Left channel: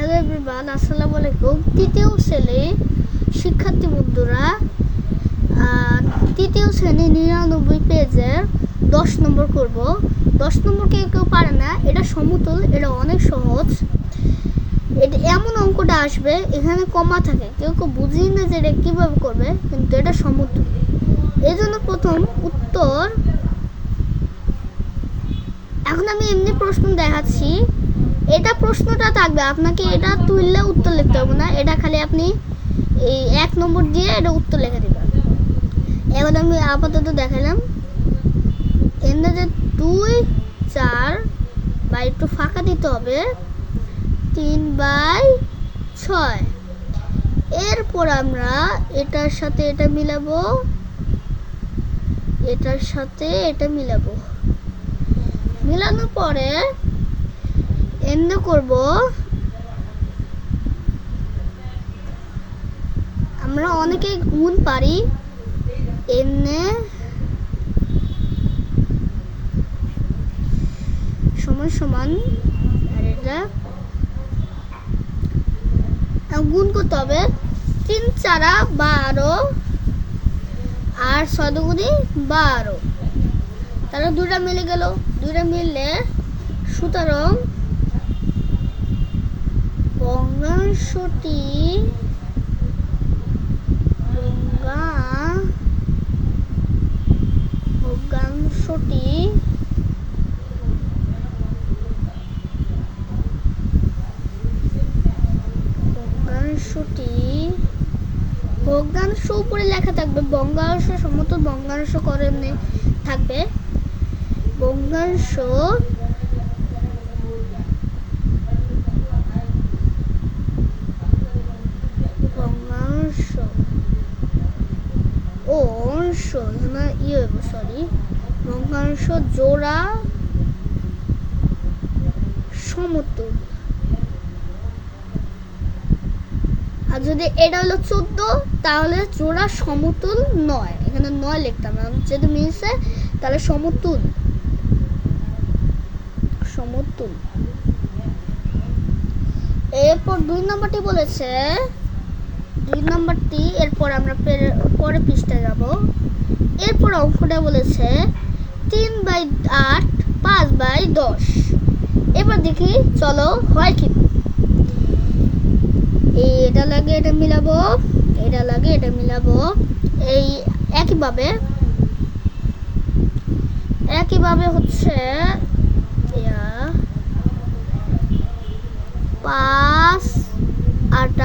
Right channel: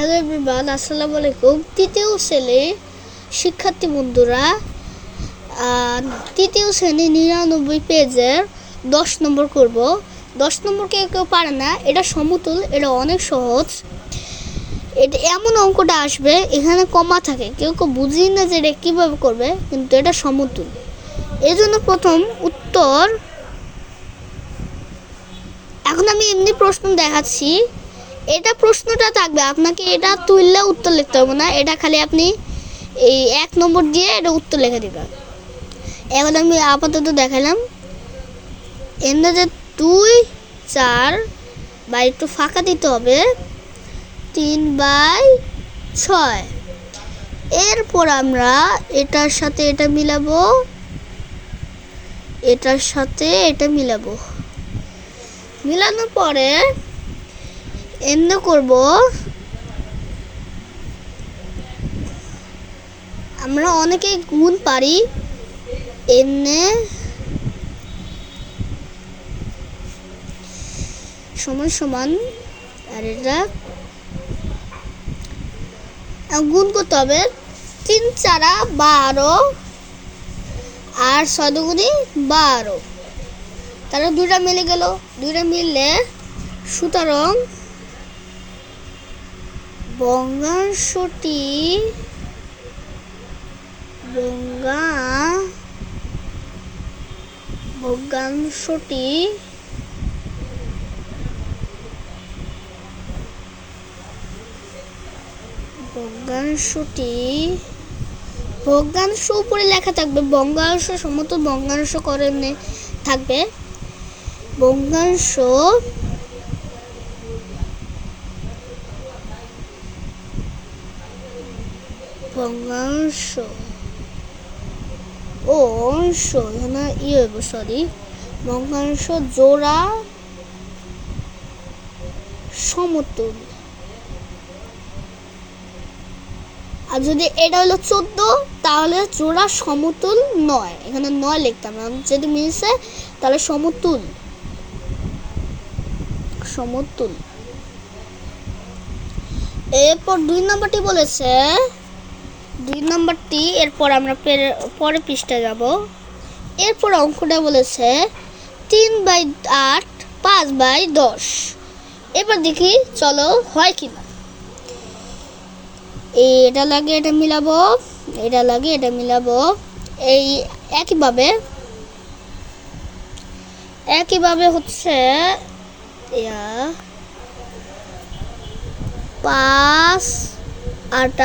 Hello everyone, আসসালামু আলাইকুম। তৃতীয় শ্রেণীর শিক্ষার্থী বন্ধুরা, তৃতীয় শ্রেণী 99 পেজের 10 নম্বর করব। 10 নম্বর কেউ পারে না, এটা সমতুল, এটা অনেক সহজ। এটা এমন অঙ্কটা আসবে, এখানে কমা থাকে, কেউ বুঝেই না যে এটা কীভাবে করবে, কিন্তু এটা সমতুল। এই জন্য প্রথম উত্তর, এখন আমি এমনি প্রশ্ন দেখাচ্ছি। এটা প্রশ্নটা থাকবে, আপনাকে এটা তুললে উত্তর লিখতে হবে না, এটা খালি আপনি এই 1 নম্বর দিয়ে এটা উত্তর লিখে দেবেন। এখন আমি আপাতত দেখালাম এমনি যে 2, 4 বা একটু ফাঁকা দিতে হবে, 3/6। এরপর আমরা এটার সাথে এটা মিলাবো, এটার সাথে এটা মিলাবো। মিলানোর পরে এমনি করব, আমরা অনেকেই গুণ পারি। এমনি সমান সমান, আর এটা গুণ করতে হবে। 3 4 12 আর 6 দুগুণে 12, তারা দুইটা মিলে গেল। দুইটা মিললে সুতরাং ভগ্নাংশটি ভগ্নাংশ উপরে লেখা থাকবে, ভগ্নাংশ সমতুল ভগ্নাংশ করে থাকবে। ভগ্নাংশ ও অংশ, এখানে ভগ্নাংশ জোড়া সমতুল। আর যদি এটা হলো 14, তাহলে জোড়া সমতুল নয়, এখানে 9 লিখতাম, যদি মিলছে তাহলে সমতুল। এরপর 2 নম্বরটি বলেছে, 2 নম্বরটি এরপর আমরা পরে পৃষ্ঠায় যাব। এরপর অঙ্কটা বলেছে 3/8 5/10। এবার দেখি চলো হয় কি। এটা লাগে এটা মিলাবো, এটা লাগে এটা মিলাবো। এই একইভাবে হচ্ছে 5 8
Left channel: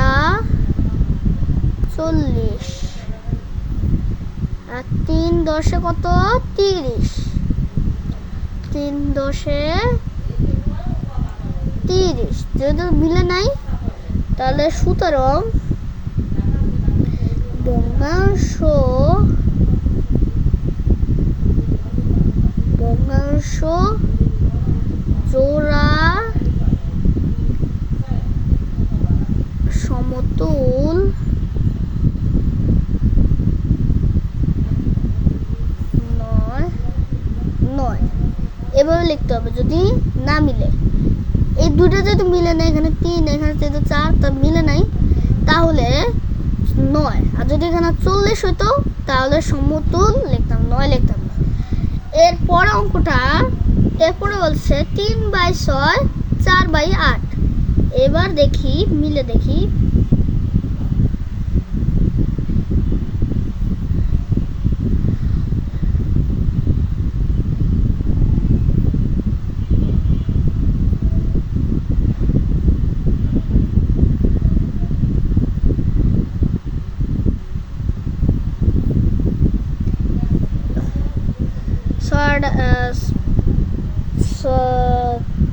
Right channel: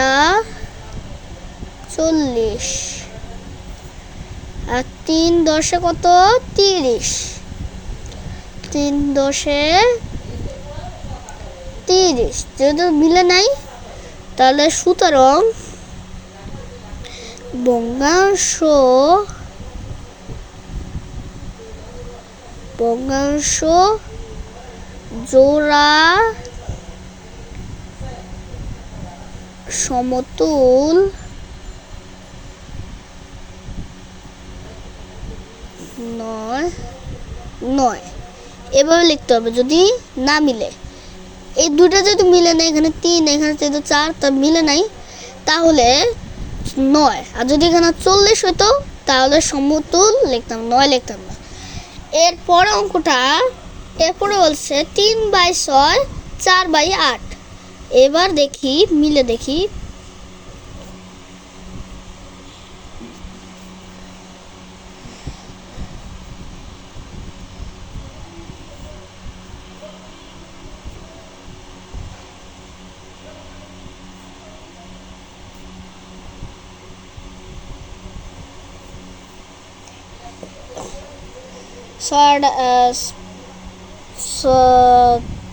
40 আর 3 10 কত 30, 3 10 30। যেহেতু মিলে নাই, তাহলে সুতরাং ভগ্নাংশ জোড়া সমতুল নয়। এভাবে লিখতে হবে যদি না মিলে। এই দুইটা যদি মিলে নাই, এখানে 3 এখানে যেহেতু 4, তা মিলে নাই, তাহলে 9। আর যদি এখানে 40 হইতো, তাহলে সমতুল লিখতাম, 9 লিখতাম না। এরপরে বলছে 3/6 4/8। এবার দেখি মিলে দেখি।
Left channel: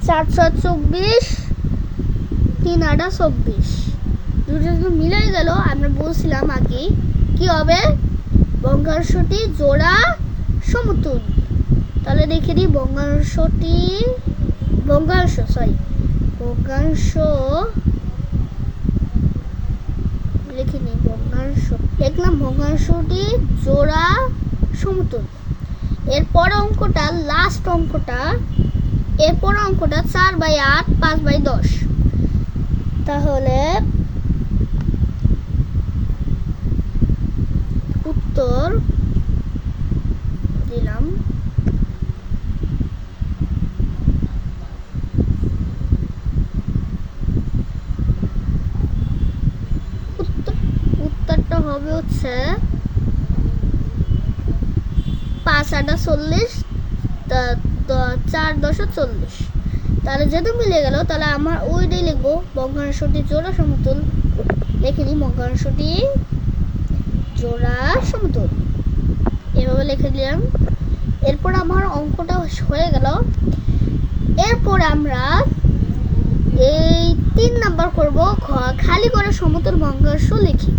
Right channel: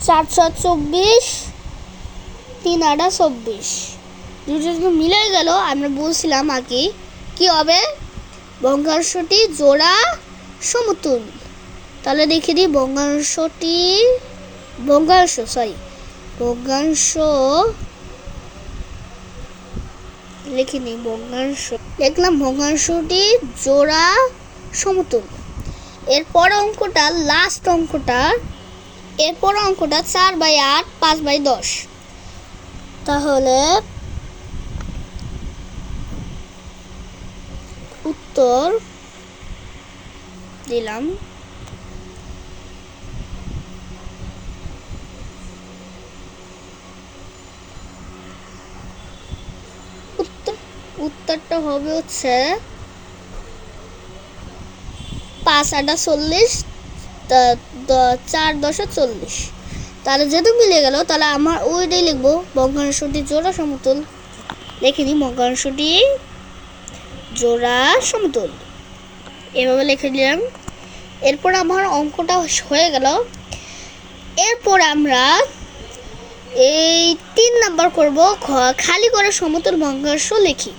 চার 24, 3 8 24। দুটো মিলে গেল। আমরা বলছিলাম আগে কি হবে, ভগ্নাংশটি জোড়া সমতুল। তাহলে দেখে দিই ভগ্নাংশ লিখে নিই। দেখলাম ভগ্নাংশটি জোড়া সমতুল। এরপর অঙ্কটা, লাস্ট অঙ্কটা, 4/8 5/10। তাহলে উত্তর দিলাম। উত্তরটা হবে হচ্ছে 5×8 = 40, 4×10 = 40। তাহলে যেহেতু মিলে গেল, তাহলে আমার ওইটাই লিখবো, ভগ্নাংশটি জোড়া সমতুল। লিখে নিই, ভগ্নাংশটি জোড়া সমতুল, এভাবে লিখে দিলাম। এরপর আমার অঙ্কটা হয়ে গেল। এরপর আমরা এই 3 নাম্বার করব, খালি করে সমতুল ভগ্নাংশ লিখি।